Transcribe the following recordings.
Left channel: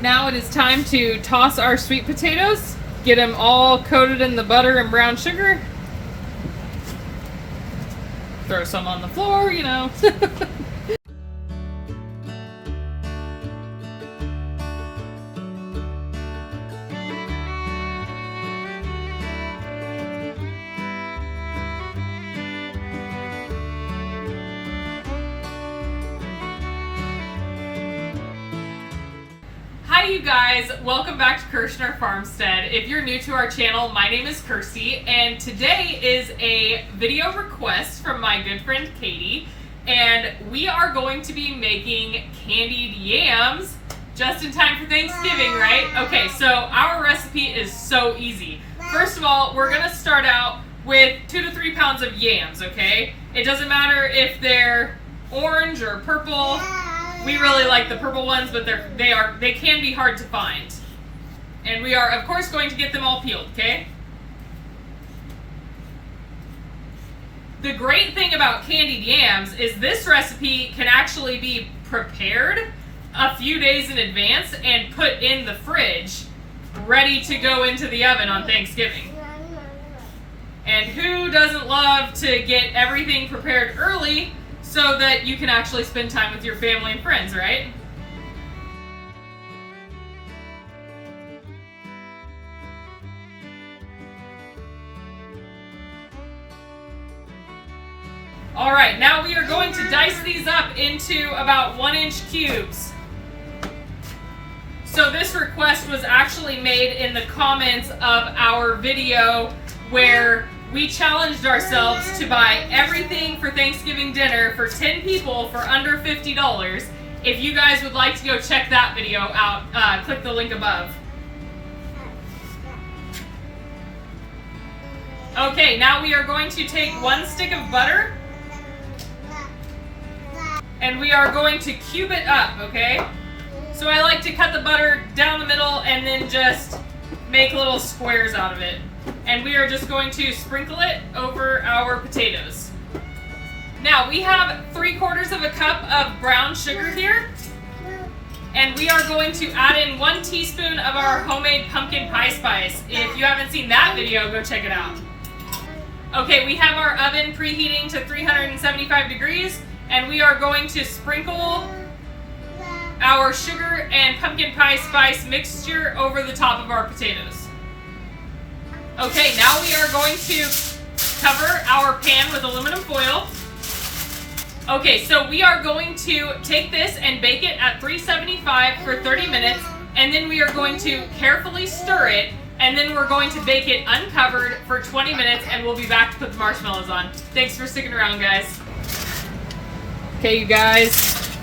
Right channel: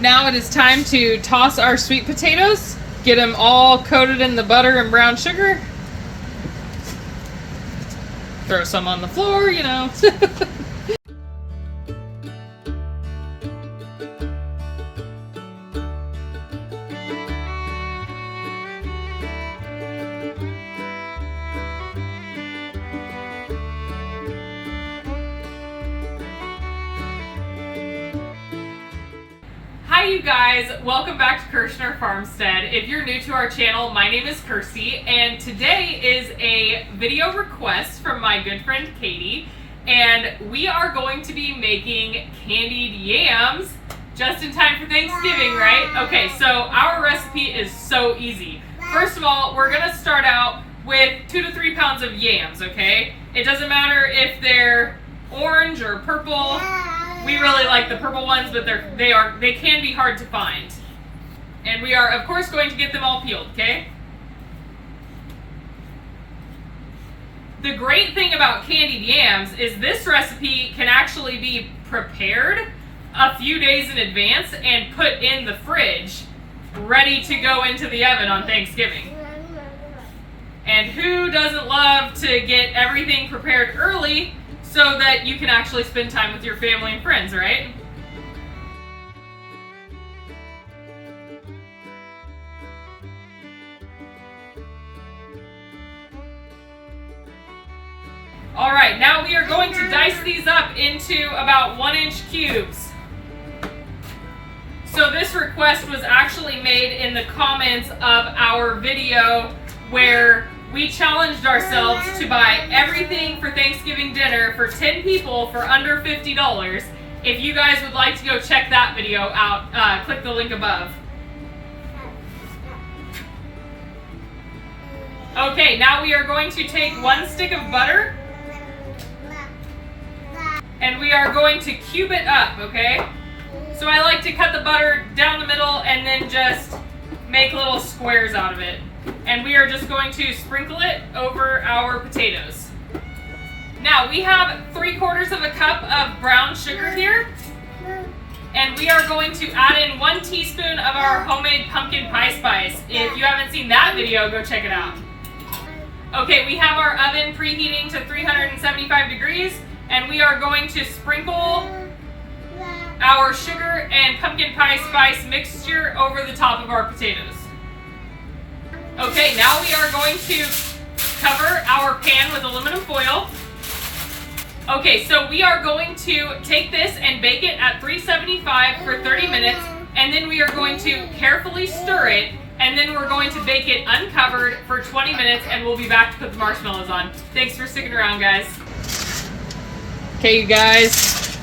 Now it is time to toss our sweet potatoes, get them all coated in the butter and brown sugar. Throw some on the floor, you know. Hi you guys, welcome back to Kirshner Farmstead. If you're new to our channel, my name is Kirsty, and today is a video request from my good friend Katie, and we are going to be making candied yams just in time for Thanksgiving, right? Okay, so our recipe is so easy. First of all, we're gonna start out with 2 to 3 pounds of yams, okay? It doesn't matter if they're orange or purple. We really like the purple ones, but they can be hard to find. And we are, of course, going to get them all peeled, okay? The great thing about candied yams is this recipe can actually be prepared a few days in advance and put in the fridge, ready to go into the oven on Thanksgiving. And who doesn't love to get everything prepared early so that you can actually spend time with your family and friends, right? All right, now we are going to dice these up into about 1-inch cubes. So this request was actually made in the comments of our video where we challenged ourselves to buy everything for Thanksgiving dinner for 10 people for under $50. If you guys would like to go check that video out, click the link above. Okay, now we are going to take 1 stick of butter and we are going to cube it up, okay? So I like to cut the butter down the middle and then just make little squares out of it. And we are just going to sprinkle it over our potatoes. Now we have 3/4 of a cup of brown sugar here. And we are going to add in 1 teaspoon of our homemade pumpkin pie spice. If you haven't seen that video, go check it out. Okay, we have our oven preheating to 375 degrees. And we are going to sprinkle our sugar and pumpkin pie spice mixture over the top of our potatoes. Okay, now we are going to cover our pan with aluminum foil. Okay, so we are going to take this and bake it at 375 for 30 minutes, and then we are going to carefully stir it, and then we're going to bake it uncovered for 20 minutes, and we'll be back to put the marshmallows on. Thanks for sticking around, guys. Okay, you guys,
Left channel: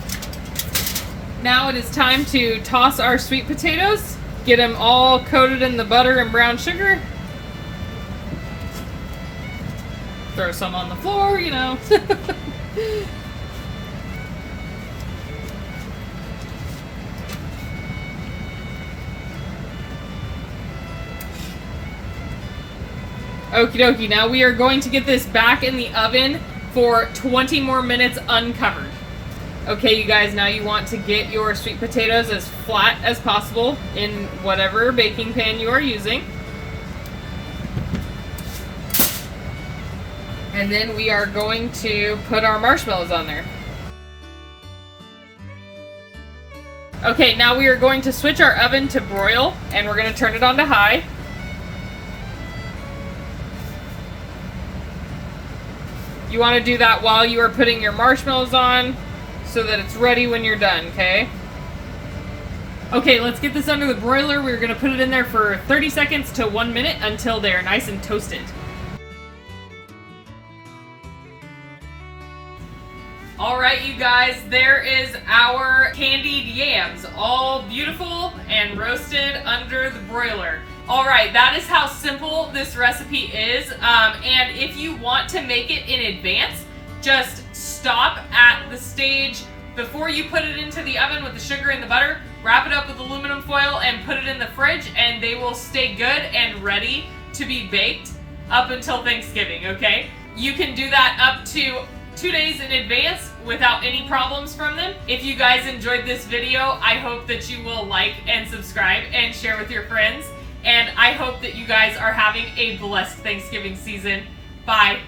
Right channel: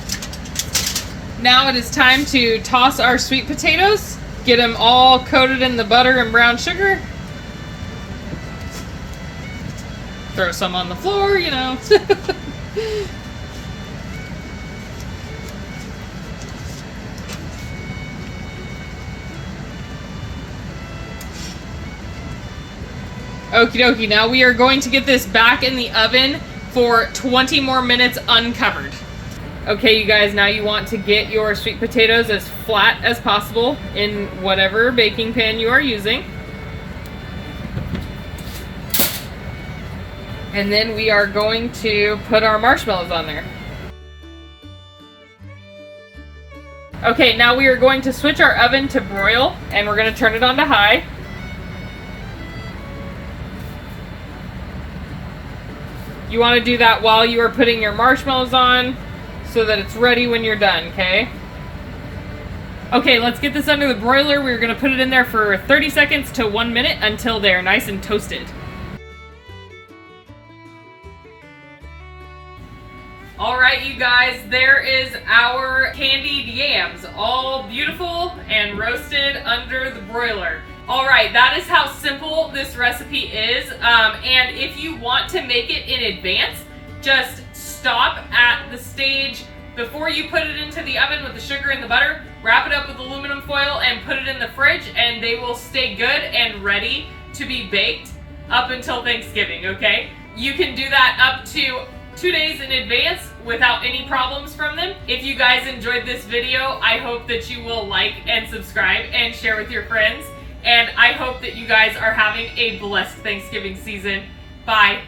now it is time to toss our sweet potatoes, get them all coated in the butter and brown sugar. Throw some on the floor, you know. Okie dokie, now we are going to get this back in the oven for 20 more minutes uncovered. Okay, you guys, now you want to get your sweet potatoes as flat as possible in whatever baking pan you are using. And then we are going to put our marshmallows on there. Okay, now we are going to switch our oven to broil, and we're going to turn it on to high. You want to do that while you are putting your marshmallows on so that it's ready when you're done, okay? Okay, let's get this under the broiler. We're going to put it in there for 30 seconds to 1 minute until they're nice and toasted. Alright, you guys, there is our candied yams, all beautiful and roasted under the broiler. Alright, that is how simple this recipe is, and if you want to make it in advance, just stop at the stage before you put it into the oven with the sugar and the butter, wrap it up with aluminum foil and put it in the fridge, and they will stay good and ready to be baked up until Thanksgiving, okay? You can do that up to 2 days in advance without any problems from them. If you guys enjoyed this video, I hope that you will like and subscribe and share with your friends. And I hope that you guys are having a blessed Thanksgiving season. Bye.